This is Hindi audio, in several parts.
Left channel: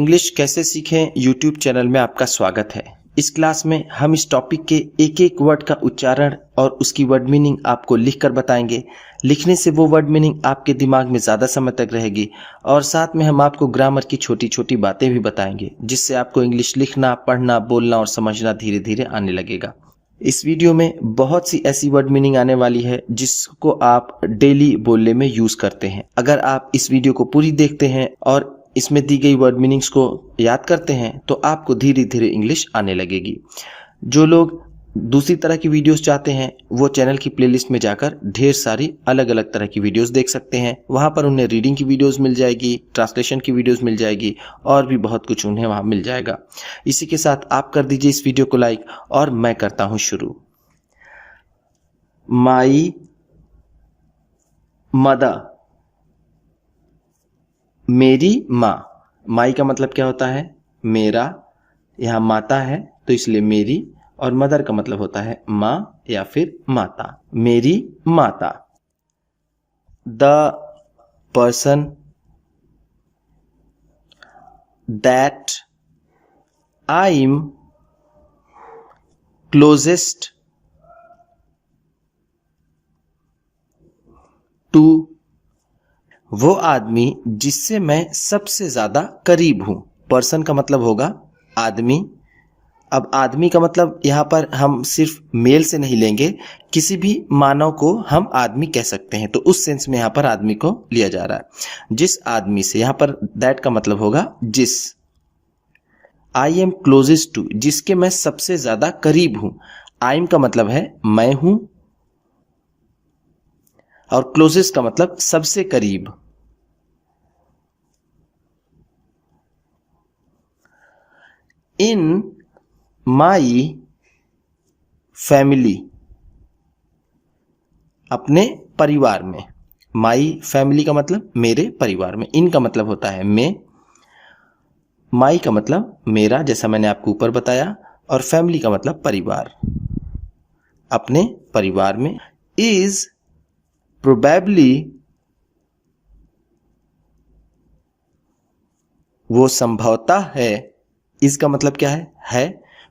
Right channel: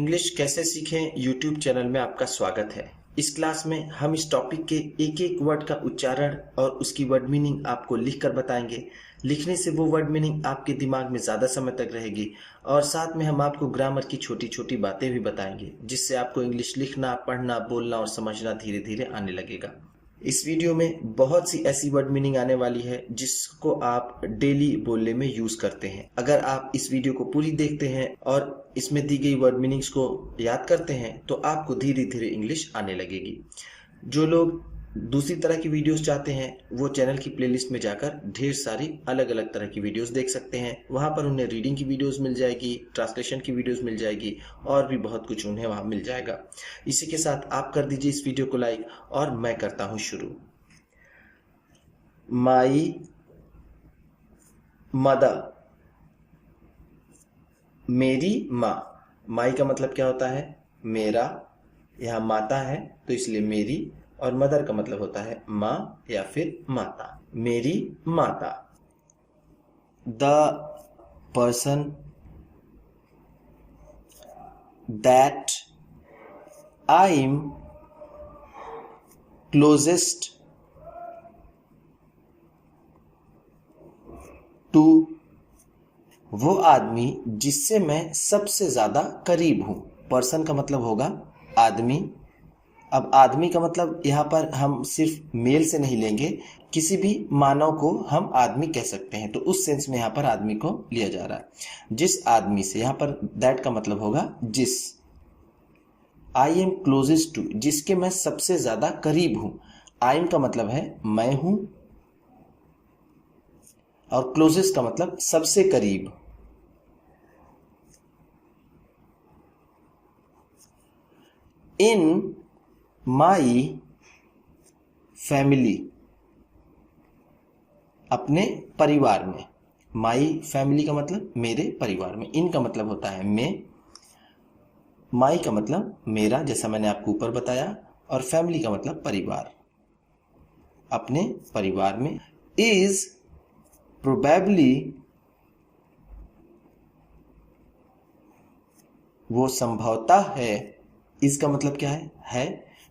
इंग्लिश कैसे सीखें यूट्यूब चैनल में आपका स्वागत है। इस क्लास में हम इस टॉपिक के एक एक वर्ड का उच्चारण और उसकी वर्ड मीनिंग आपको लिखकर बताएंगे। लिखने से वो वर्ड मीनिंग आपके दिमाग में ज़्यादा समय तक रहेगी और साथ में हम आपको ग्रामर की छोटी छोटी बातें भी बताएंगे, जिससे आपको इंग्लिश लिखना, पढ़ना, बोलना और समझना धीरे धीरे आने लगेगा। इस वीडियो में बहुत सी ऐसी वर्ड मीनिंग आने वाली है जिसको आप डेली बोलने में यूज़ करते हैं। अगर आप इस वीडियो को पूरी देखते हैं और इसमें दी गई वर्ड मीनिंग्स को याद करते हैं तो आपको धीरे धीरे इंग्लिश आने लगेगी। जो लोग दूसरी तरह की वीडियोस चाहते हैं वो चैनल की प्लेलिस्ट में जाकर ढेर सारी अलग अलग तरह की वीडियोस देख सकते हैं। वहाँ पर उन्हें रीडिंग की वीडियोस मिल जाएगी, ट्रांसलेशन की वीडियोस मिल जाएगी और भी बहुत कुछ उन्हें वहाँ मिल जाएगा। इसी के साथ आप कर दीजिए इस वीडियो को लाइक और मैं करता हूँ शुरू। माई मदर, मेरी माँ। माई का मतलब क्या होता है? मेरा। यहाँ माता है तो इसलिए मेरी, और मदर का मतलब होता है माँ या फिर माता। मेरी माता। The person that I am closest to, वो आदमी जिससे मैं सबसे ज़्यादा करीब हूँ। पर्सन का मतलब होगा आदमी। अब आदमी का मतलब यहाँ पर हम सिर्फ मेल से नहीं लेंगे, किसी भी मानव को हम आदमी कह सकते हैं, तो उस सेंस में यहाँ पर आदमी को लिया जा रहा है। जिस आदमी से, यहाँ पर दैट का मतलब होगा जिस। आई एम क्लोजेस्ट टू, जिसके मैं सबसे ज़्यादा करीब हूँ। आई एम का मतलब है मैं हूँ और क्लोजेस्ट का मतलब सबसे करीब। इन माई फैमिली, अपने परिवार में। माई फैमिली का मतलब मेरे परिवार में। इन का मतलब होता है मैं। माई का मतलब मेरा, जैसा मैंने आपको ऊपर बताया, और फैमिली का मतलब परिवार। अपने परिवार में। इज प्रोबेबली, वो संभवतः है। इज का मतलब क्या है।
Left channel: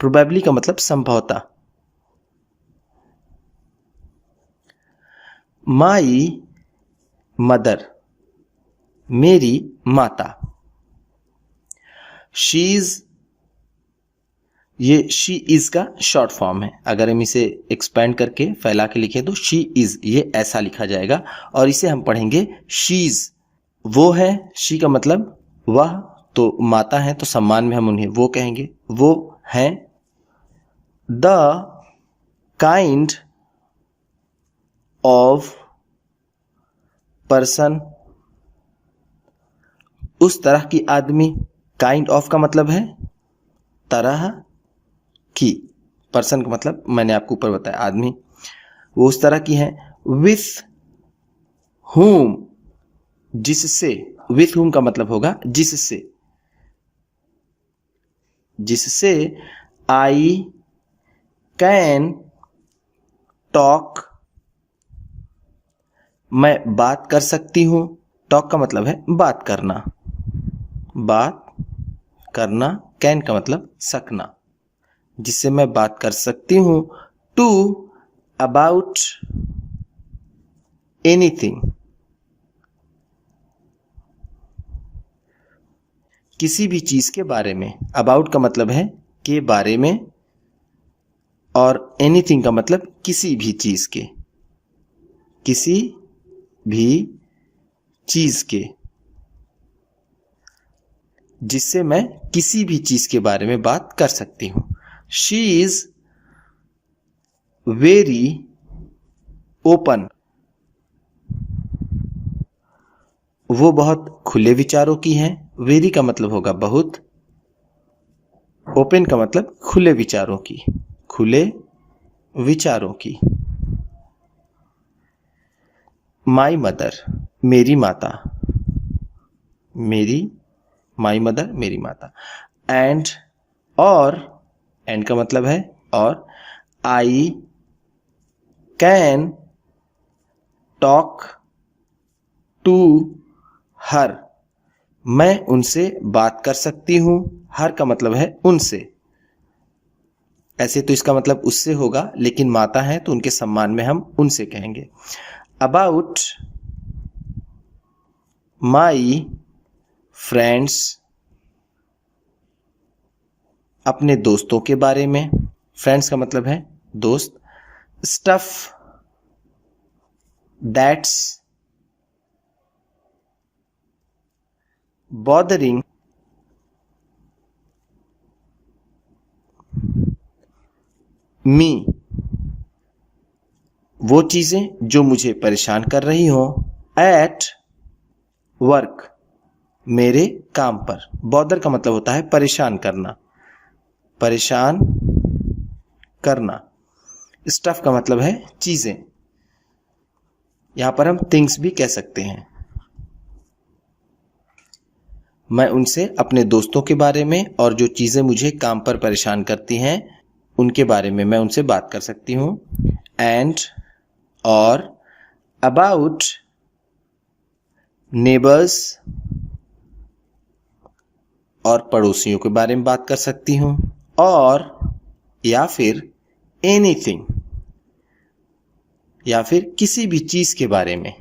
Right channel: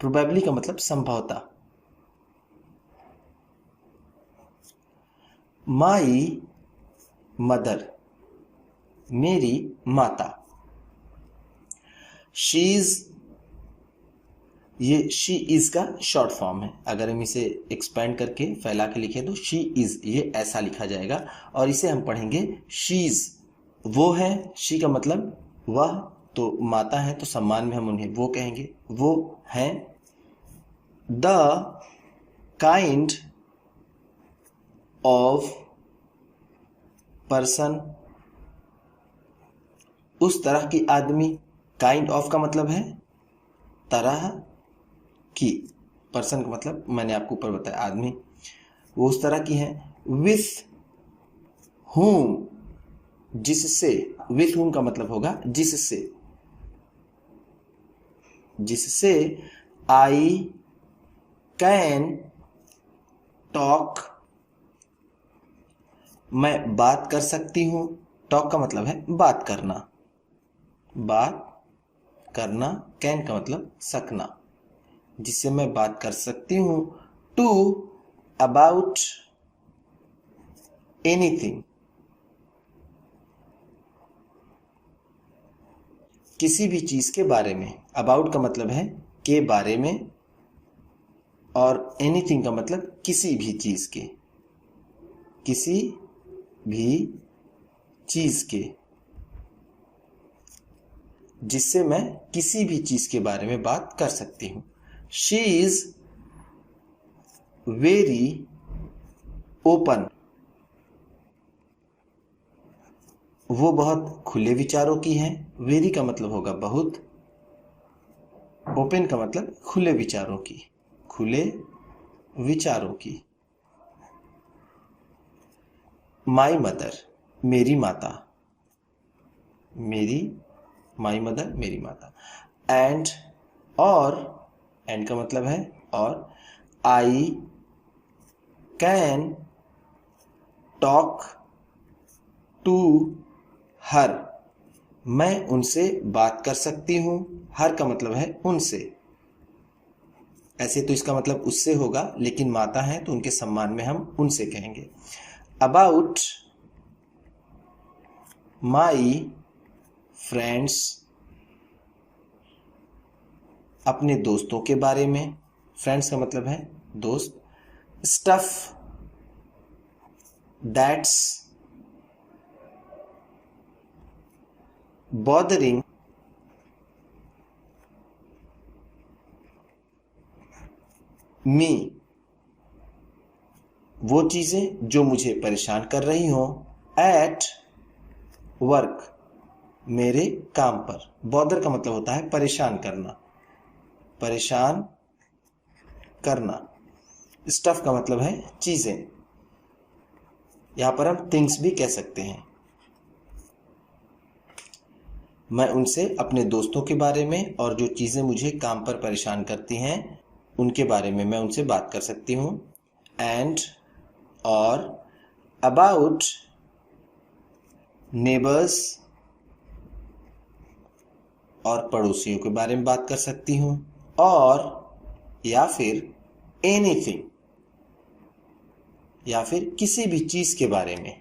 प्रोबेबली का मतलब संभवतः। माई मदर, मेरी माता। शी इज, ये शी इज का शॉर्ट फॉर्म है। अगर हम इसे एक्सपेंड करके फैला के लिखें तो शी इज, ये ऐसा लिखा जाएगा और इसे हम पढ़ेंगे शीज। वो है, शी का मतलब वह, तो माता है तो सम्मान में हम उन्हें वो कहेंगे। वो हैं। द काइंड ऑफ पर्सन, उस तरह की आदमी। काइंड ऑफ का मतलब है तरह की। पर्सन का मतलब मैंने आपको ऊपर बताया आदमी। वो उस तरह की है। विथ whom, जिससे। विथ whom का मतलब होगा जिससे। जिससे आई कैन टॉक, मैं बात कर सकती हूँ। टॉक का मतलब है बात करना। बात करना। कैन का मतलब सकना, जिससे मैं बात कर सकती हूँ। टू अबाउट एनीथिंग, किसी भी चीज के बारे में। अबाउट का मतलब है के बारे में, और एनीथिंग का मतलब किसी भी चीज के। किसी भी चीज के, जिससे मैं किसी भी चीज के बारे में बात कर सकती हूँ। शी इज वेरी ओपन, वो बहुत खुले विचारों की हैं। वेरी का मतलब होगा बहुत, ओपन का मतलब खुले विचारों की। खुले विचारों की। माई मदर, मेरी माता। मेरी, माई मदर, मेरी माता। एंड, और, एंड का मतलब है और। I can talk to her, मैं उनसे बात कर सकती हूँ। हर का मतलब है उनसे। ऐसे तो इसका मतलब उससे होगा, लेकिन माता है तो उनके सम्मान में हम उनसे कहेंगे। अबाउट माई फ्रेंड्स, अपने दोस्तों के बारे में। फ्रेंड्स का मतलब है दोस्त। स्टफ दैट्स बॉदरिंग मी, वो चीजें जो मुझे परेशान कर रही हो। एट वर्क, मेरे काम पर। बॉदर का मतलब होता है परेशान करना, परेशान करना। स्टफ का मतलब है चीजें। यहां पर हम थिंग्स भी कह सकते हैं। मैं उनसे अपने दोस्तों के बारे में और जो चीजें मुझे काम पर परेशान करती हैं उनके बारे में मैं उनसे बात कर सकती हूं। एंड और अबाउट नेबर्स, और पड़ोसियों के बारे में बात कर सकती हूं। और या फिर एनीथिंग, या फिर किसी भी चीज के बारे में।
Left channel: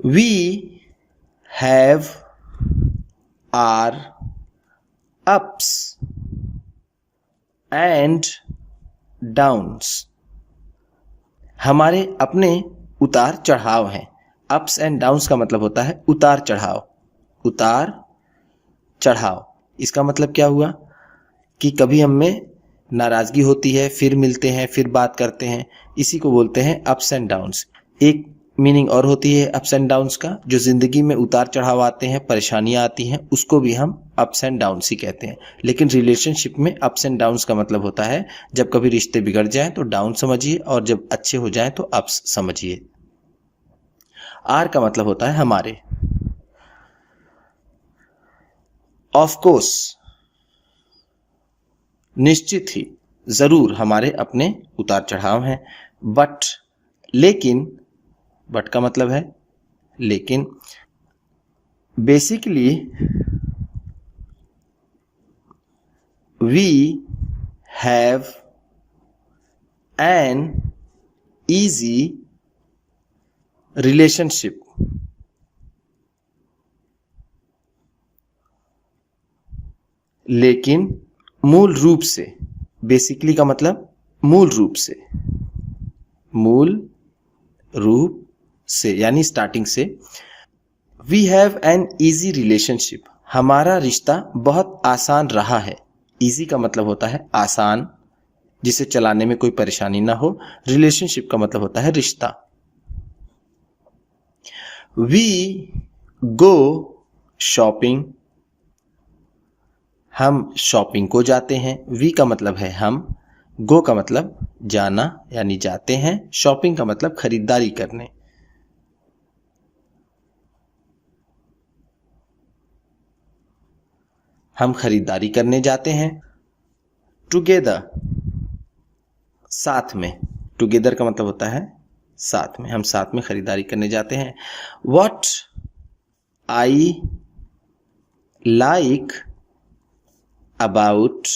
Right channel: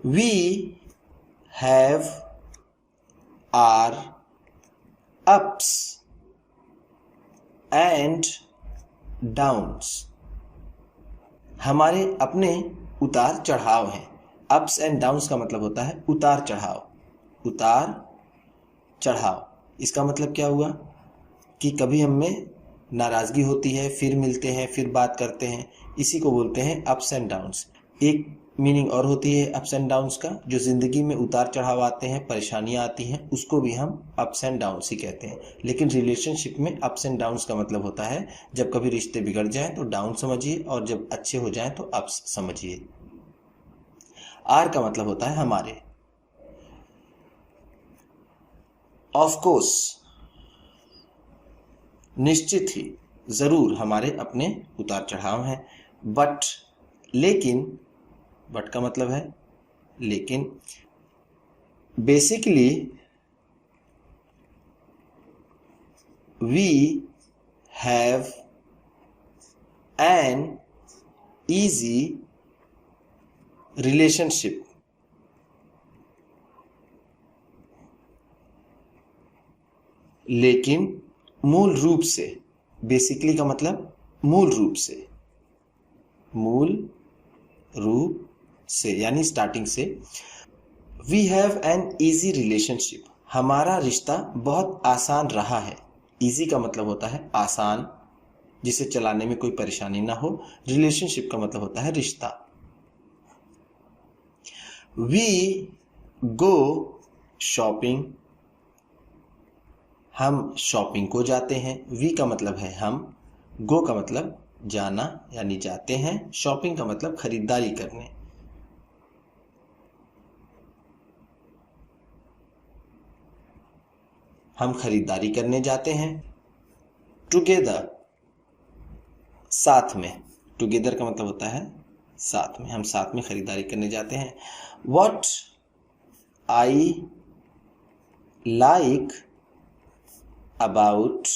We have our ups and downs, हमारे अपने उतार चढ़ाव हैं। अप्स एंड डाउन्स का मतलब होता है उतार चढ़ाव। उतार चढ़ाव, इसका मतलब क्या हुआ कि कभी हम में नाराजगी होती है, फिर मिलते हैं, फिर बात करते हैं, इसी को बोलते हैं अप्स एंड डाउन्स। एक मीनिंग और होती है अप्स एंड डाउन्स का, जो जिंदगी में उतार चढ़ाव आते हैं, परेशानियां आती हैं, उसको भी हम अप्स एंड डाउन्स ही कहते हैं। लेकिन रिलेशनशिप में अप्स एंड डाउन्स का मतलब होता है जब कभी रिश्ते बिगड़ जाएं तो डाउन समझिए, और जब अच्छे हो जाएं तो अप्स समझिए। आर का मतलब होता है हमारे। ऑफ कोर्स, निश्चित ही, जरूर हमारे अपने उतार चढ़ाव हैं। बट, लेकिन, बट का मतलब है लेकिन। Basically we have an easy relationship. लेकिन मूल रूप से, बेसिकली का मतलब मूल रूप से, मूल रूप से यानी स्टार्टिंग से। We have an easy relationship, हमारा रिश्ता बहुत आसान रहा है। ईजी का मतलब होता है आसान, जिसे चलाने में कोई परेशानी ना हो। रिलेशनशिप का मतलब होता है रिश्ता। वी गो शॉपिंग, हम शॉपिंग को जाते हैं। वी का मतलब है हम, गो का मतलब जाना यानी जाते हैं, शॉपिंग का मतलब खरीदारी करने। हम खरीदारी करने जाते हैं। टुगेदर, साथ में। टुगेदर का मतलब होता है साथ में, हम साथ में खरीदारी करने जाते हैं। What I like about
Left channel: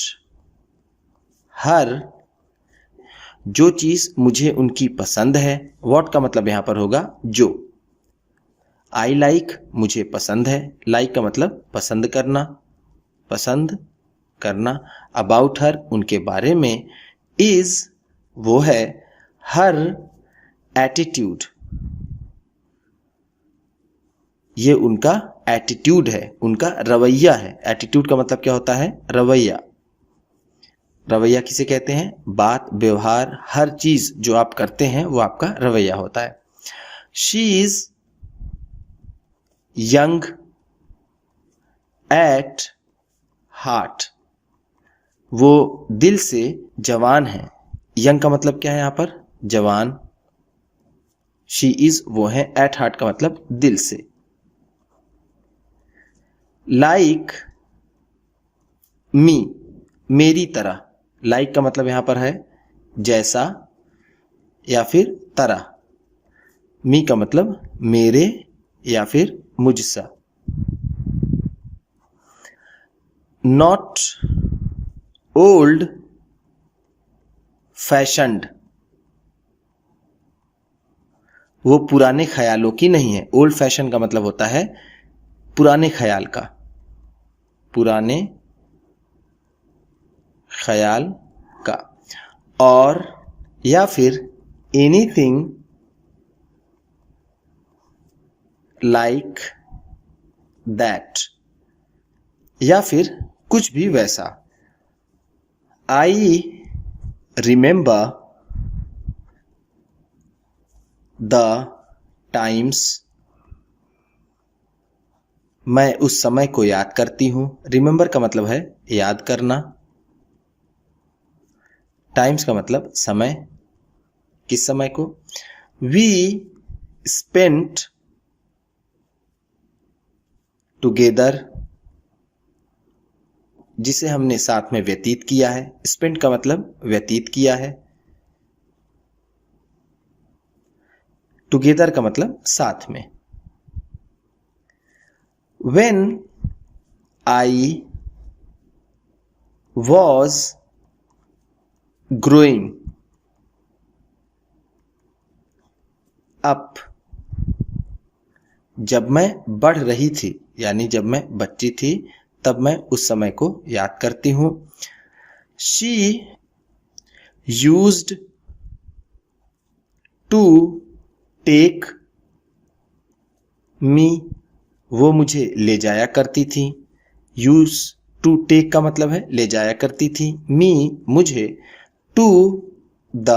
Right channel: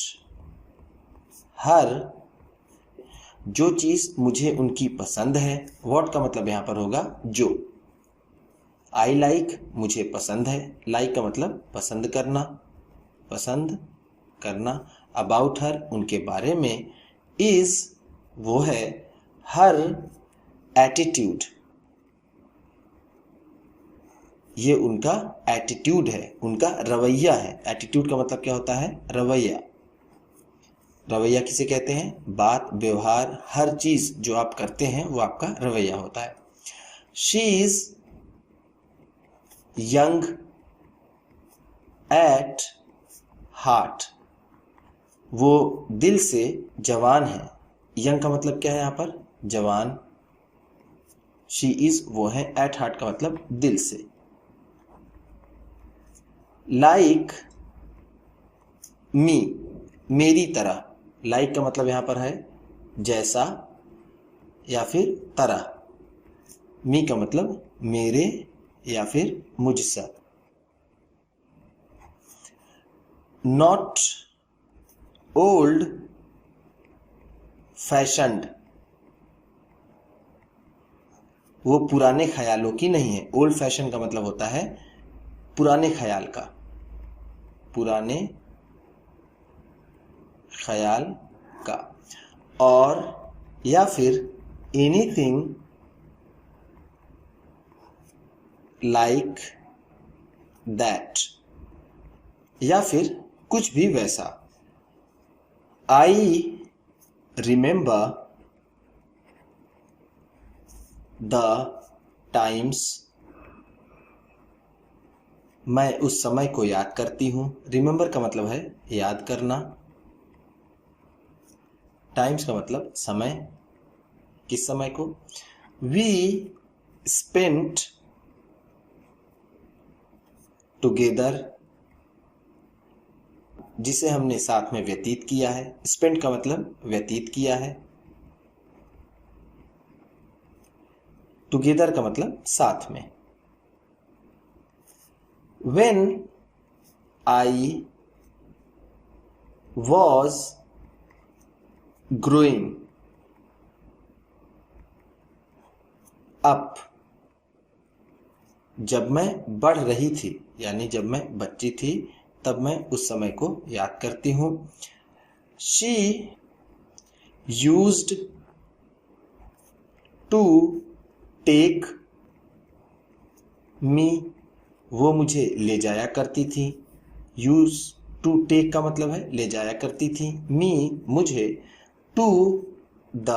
her, जो चीज मुझे उनकी पसंद है। व्हाट का मतलब यहां पर होगा जो। आई लाइक मुझे पसंद है, लाइक का मतलब पसंद करना, पसंद करना। अबाउट हर उनके बारे में। इज वो है, हर एटीट्यूड ये उनका एटीट्यूड है, उनका रवैया है। एटीट्यूड का मतलब क्या होता है? रवैया। रवैया किसे कहते हैं? बात, व्यवहार, हर चीज जो आप करते हैं वो आपका रवैया होता है। She is young at heart, वो दिल से जवान है। यंग का मतलब क्या है यहाँ पर? जवान। शी इज वो है, एट हार्ट का मतलब दिल से। लाइक मी, मेरी तरह। लाइक का मतलब यहां पर है जैसा या फिर तरह। मी का मतलब मेरे या फिर मुझसा। नॉट ओल्ड फैशन्ड, वो पुराने ख्यालों की नहीं है। ओल्ड फैशन का मतलब होता है पुराने ख्याल का, पुराने ख्याल का। और या फिर एनीथिंग लाइक दैट, या फिर कुछ भी वैसा। आई रिमेंबर द टाइम्स, मैं उस समय को याद करती हूँ। रिमेंबर का मतलब है याद करना, टाइम्स का मतलब समय, किस समय को। वी स्पेंट टुगेदर, जिसे हमने साथ में व्यतीत किया है। स्पेंट का मतलब व्यतीत किया है, टुगेदर का मतलब साथ में। When I was growing up, जब मैं बढ़ रही थी, यानी जब मैं बच्ची थी, तब मैं उस समय को याद करती हूँ। She used to take me, वो मुझे ले जाया करती थी। यूज टू टेक का मतलब है ले जाया करती थी। मी मुझे, टू द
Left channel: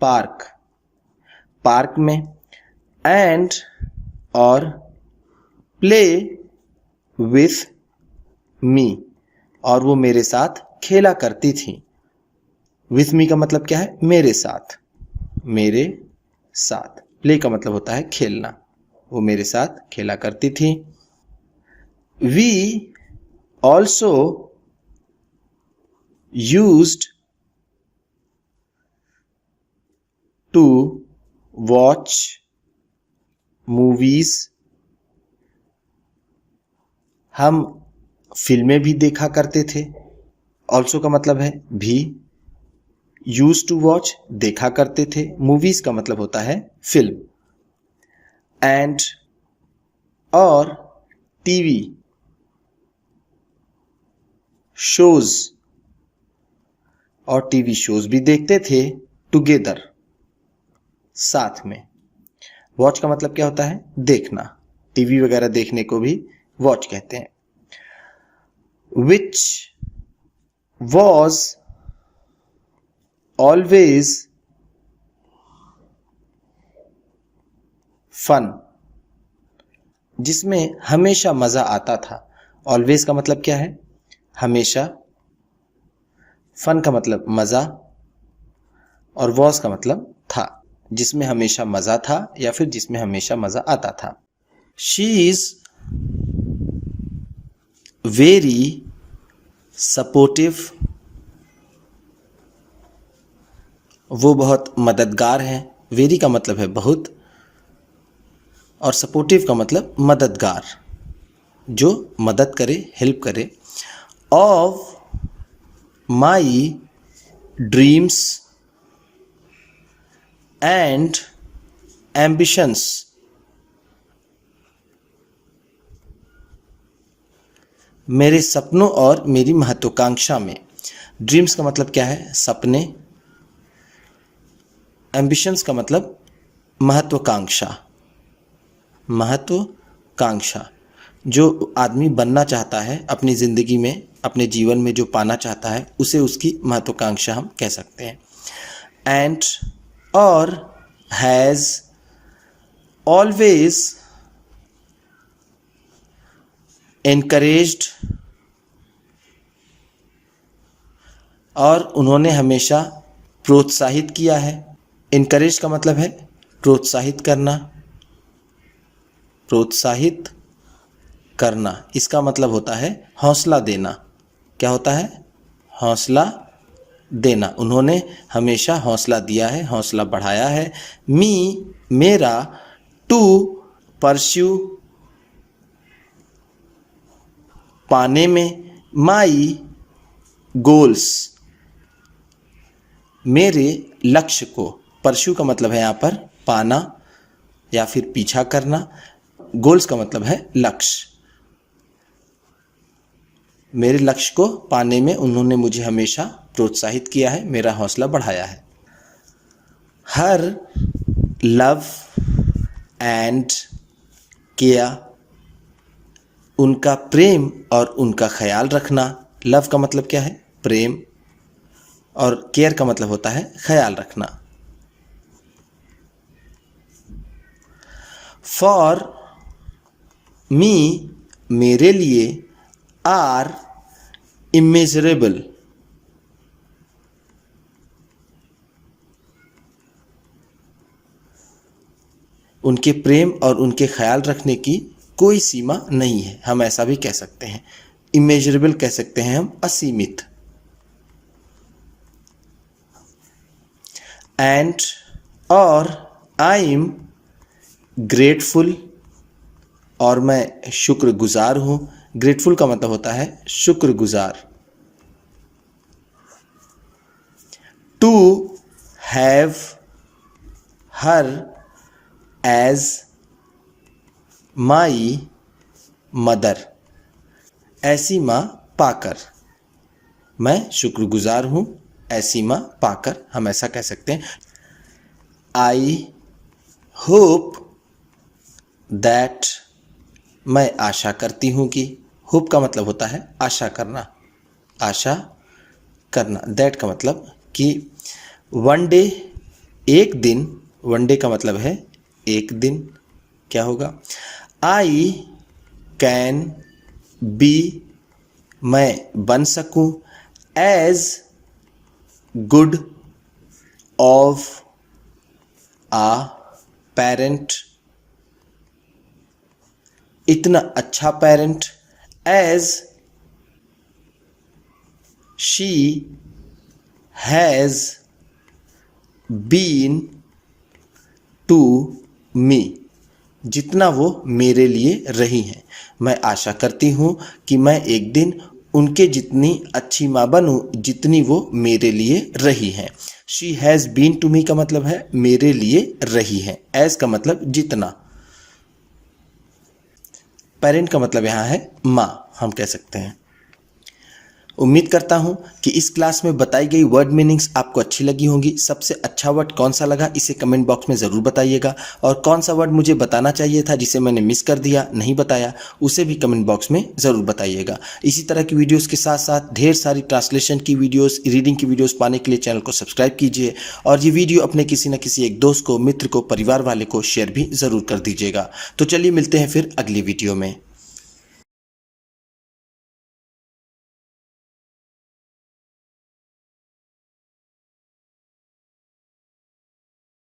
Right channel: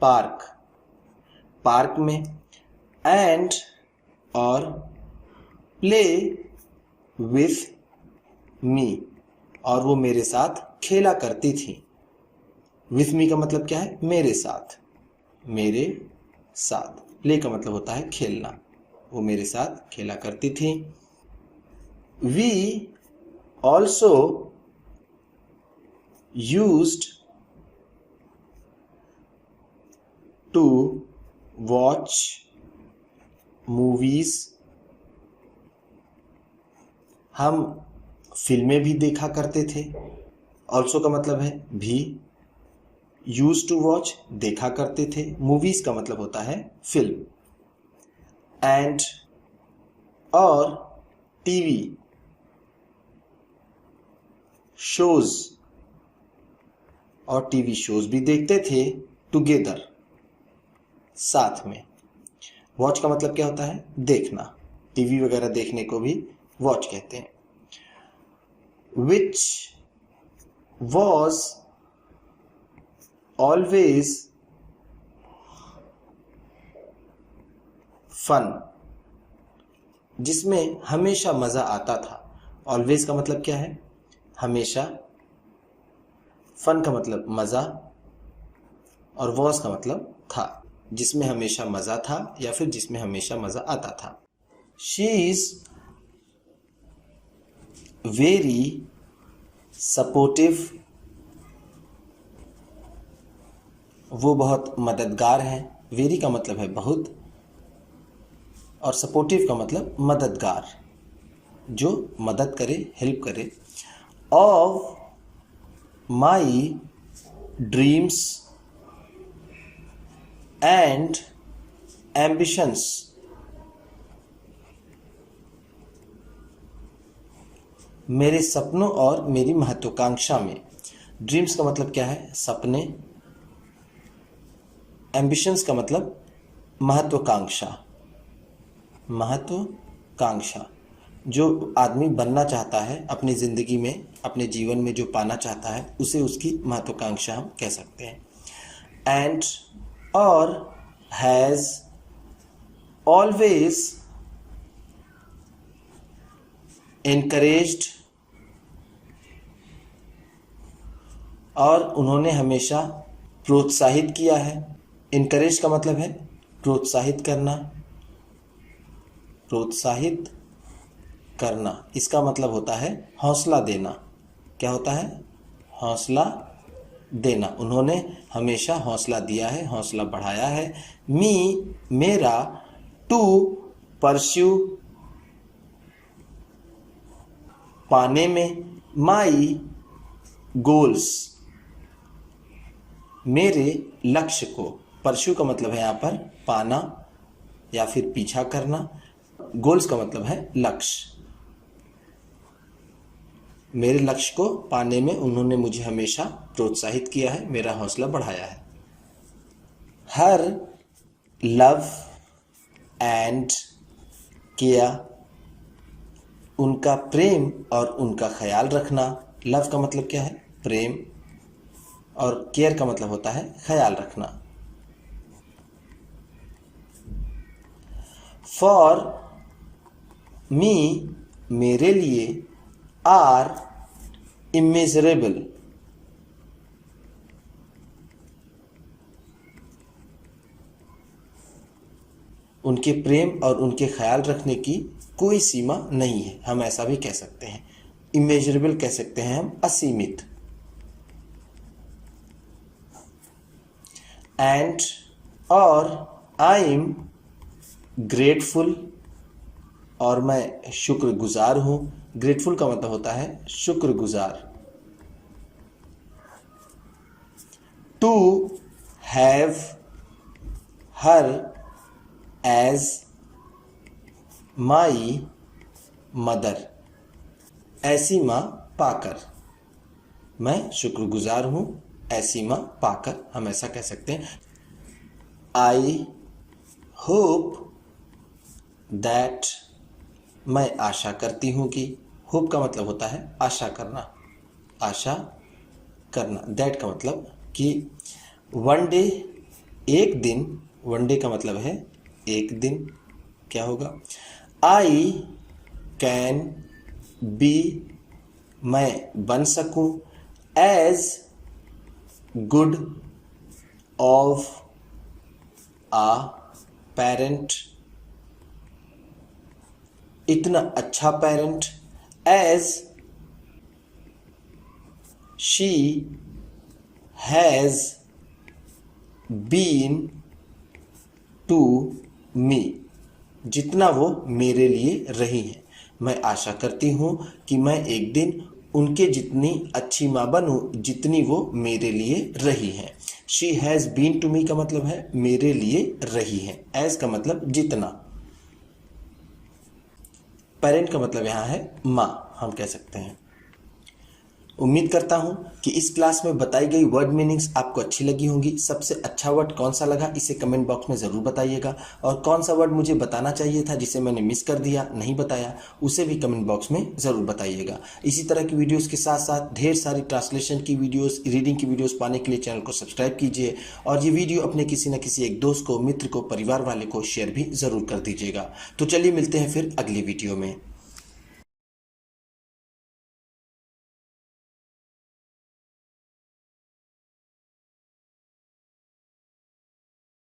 पार्क, पार्क में। एंड और प्ले विथ मी, और वो मेरे साथ खेला करती थी। विथ मी का मतलब क्या है? मेरे साथ, मेरे साथ। प्ले का मतलब होता है खेलना, वो मेरे साथ खेला करती थी। We also used to watch movies, हम फिल्में भी देखा करते थे। ऑल्सो का मतलब है भी, यूज टू वॉच देखा करते थे, मूवीज का मतलब होता है फिल्म। एंड और टीवी शोज, और टीवी शोज भी देखते थे टुगेदर, साथ में। वॉच का मतलब क्या होता है? देखना, टीवी वगैरह देखने को भी वॉच कहते हैं। विच वॉज ऑलवेज फन, जिसमें हमेशा मजा आता था। ऑलवेज का मतलब क्या है? हमेशा। फन का मतलब मजा, और वॉज का मतलब था, जिसमें हमेशा मजा था या फिर जिसमें हमेशा मजा आता था। शी इज वेरी सपोर्टिव, वो बहुत मददगार हैं। वेरी का मतलब है बहुत, और सपोर्टिव का मतलब मददगार, जो मदद करे, हेल्प करे। Of my dreams and ambitions, मेरे सपनों और मेरी महत्वाकांक्षा में। ड्रीम्स का मतलब क्या है? सपने। एम्बिशंस का मतलब महत्वाकांक्षा, महत्वाकांक्षा, जो आदमी बनना चाहता है अपनी ज़िंदगी में, अपने जीवन में जो पाना चाहता है, उसे उसकी महत्वाकांक्षा हम कह सकते हैं। एंड और हैज़ ऑलवेज एनकरेज्ड, और उन्होंने हमेशा प्रोत्साहित किया है। इनकरेज का मतलब है प्रोत्साहित करना, प्रोत्साहित करना। इसका मतलब होता है हौसला देना। क्या होता है? हौसला देना। उन्होंने हमेशा हौसला दिया है, हौसला बढ़ाया है। मी मेरा, टू परस्यू पाने में, माई गोल्स, मेरे लक्ष्य को। परस्यू का मतलब है यहाँ पर पाना या फिर पीछा करना। गोल्स का मतलब है लक्ष्य। मेरे लक्ष्य को पाने में उन्होंने मुझे हमेशा प्रोत्साहित किया है, मेरा हौसला बढ़ाया है। हर लव एंड केयर, उनका प्रेम और उनका ख्याल रखना। लव का मतलब क्या है? प्रेम, और केयर का मतलब होता है ख्याल रखना। फॉर मी, मेरे लिए, आर इमेजरेबल, उनके प्रेम और उनके ख्याल रखने की कोई सीमा नहीं है, हम ऐसा भी कह सकते हैं। इमेजरेबल कह सकते हैं हम असीमित। एंड और आई एम ग्रेटफुल, और मैं शुक्रगुजार हूँ। ग्रेटफुल का मतलब होता है शुक्रगुजार। To have her as my mother, ऐसी माँ पाकर। मैं शुक्रगुजार हूँ ऐसी माँ पाकर, हम ऐसा कह सकते हैं। आई होप दैट, मैं आशा करती हूँ कि। होप का मतलब होता है आशा करना, आशा करना। दैट का मतलब कि। वन डे, एक दिन। वन डे का मतलब है एक दिन। क्या होगा? आई कैन बी, मैं बन सकूं। As good of a parent, इतना अच्छा parent. As she has been to me, जितना वो मेरे लिए रही हैं। मैं आशा करती हूँ कि मैं एक दिन उनके जितनी अच्छी माँ बनूँ जितनी वो मेरे लिए रही हैं। She has been to me का मतलब है मेरे लिए रही हैं। एज का मतलब जितना। पेरेंट का मतलब यहाँ है माँ, हम कह सकते हैं। उम्मीद करता हूँ कि इस क्लास में बताई गई वर्ड मीनिंग्स आपको अच्छी लगी होंगी। सबसे अच्छा वर्ड कौन सा लगा इसे कमेंट बॉक्स में ज़रूर बताइएगा, और कौन सा वर्ड मुझे बताना चाहिए था जिसे मैंने मिस कर दिया, नहीं बताया, उसे भी कमेंट बॉक्स में ज़रूर बताइएगा। इसी तरह की वीडियोस के साथ साथ ढेर सारी ट्रांसलेशन की वीडियोस, रीडिंग की वीडियोस पाने के लिए चैनल को सब्सक्राइब कीजिए, और ये वीडियो अपने किसी न किसी एक दोस्त को, मित्र को, परिवार वाले को शेयर भी ज़रूर कर दीजिएगा। तो चलिए मिलते हैं फिर अगली वीडियो में।